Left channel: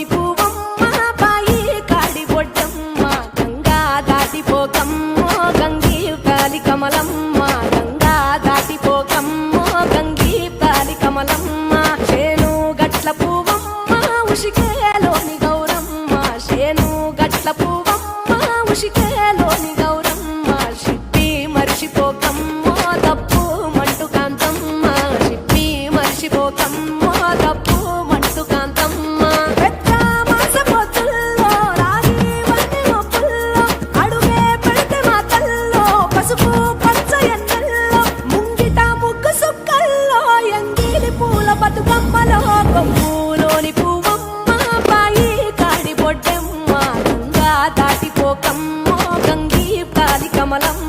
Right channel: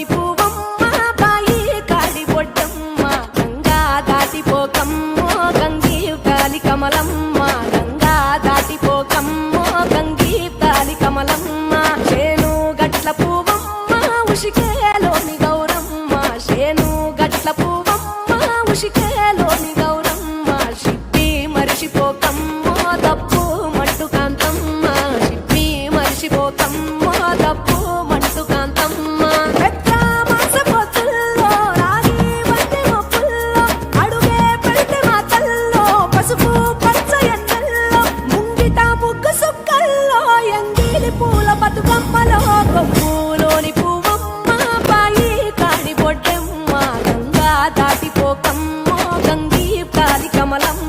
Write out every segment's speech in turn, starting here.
పప్పులోని పువ్వమ్మ బాయి కాడి బొడ్డమ్మ గంగా దాటిపోకమ్మో గంగీ తాలి కమలమ్మ గంగా దాటిపోకమ్మో గంగీ తాలి కమలమ్మ చేను గట్ల పువ్వమ్మ ఉషికేలోని గౌరమ్మ చేను గట్ల పువ్వమ్మ ఉషికేలోని గౌరమ్మ షిప్పి మరిషిపోకమ్మో తప్పు మంటు కాంతమ్మ షిప్పి మరిషిపోకమ్మో తప్పు మంటు కాంతమ్మ పెద్ద మాసపోతుల్లో రాగి వంటి మొప్పుల్లో అడుగే పెడితే మా తల్లో పసుపు పచ్చ ఎన్నెల్లో ముంగిట ముగ్గు సుక్కల్లో ఎంగిలి పూల బతుకమ్మలో కొప్పులోని పువ్వమ్మ బాయి కాడి బొడ్డెమ్మ గంగా దాటిపోకమ్మో గంగీ తాలి కమలమ్మ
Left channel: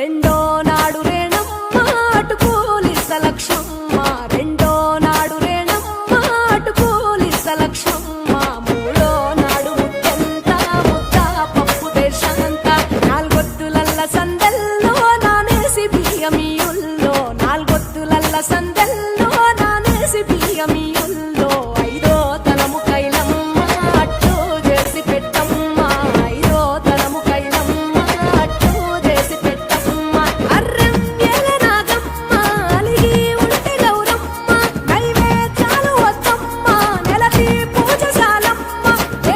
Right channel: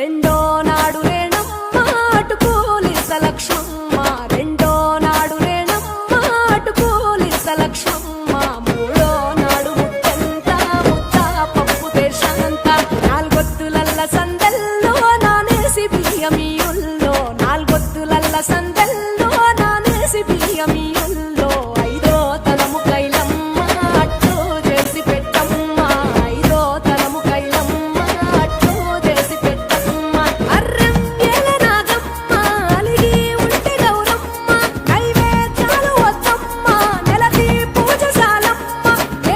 రెండో నాడు రేణమ్మ అటుకూలిస్త లక్ష్మమ్మ రెండో నాడు రేణమ్మ అటుకూలిస్త లక్ష్మమ్మ మూడో నాడు ముత్తెంత ముద్ద పప్పు దేశంత నాలుగొత్తులల్ల సందెల్లో నానేసి బియ్యమియుల్లో నాలుగొత్తులల్ల సందెల్లో నానేసి బియ్యమియుల్లో ఐదో తనము కైలమ్మ అట్టు చేసి పెట్టమ్మ ఐదో తనము కైలమ్మ అట్టు చేసి పెట్టమ్మ అర్రం ఏల నాగమ్మ అలిగి ఉంటే గౌరమ్మ నైవేద్యాలు వద్దమ్మ నెలతి పూజశాలమ్మ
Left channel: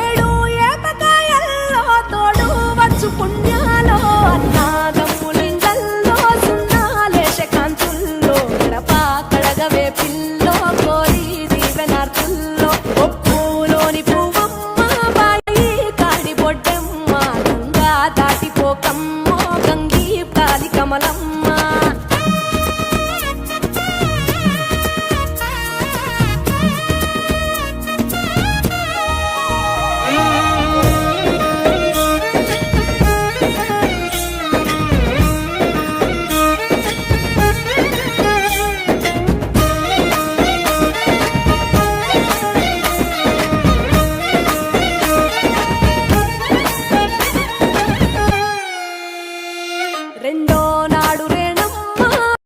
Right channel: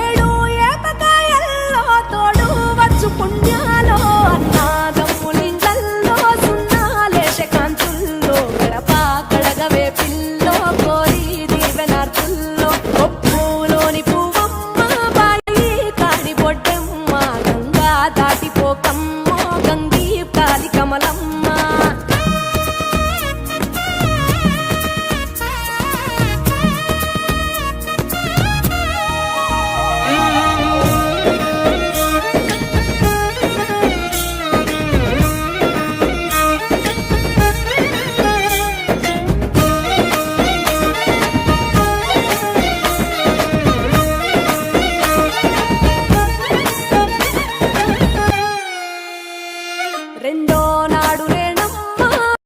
ఏడు ఏపకాయల్లో తోడు వచ్చు పుణ్యాలో అన్నాదమ్ములింగల్లో సున్నాలేశ కాంతుల్లో గడప కడగవే పిల్లో కోరి దీవెనార్తుల్లో ఒప్పులోని పువ్వమ్మ బాయి కాడి బొడ్డెమ్మ గంగా దాటిపోకమ్మో గంగీ తాలి కమలమ్మ రెండో నాడు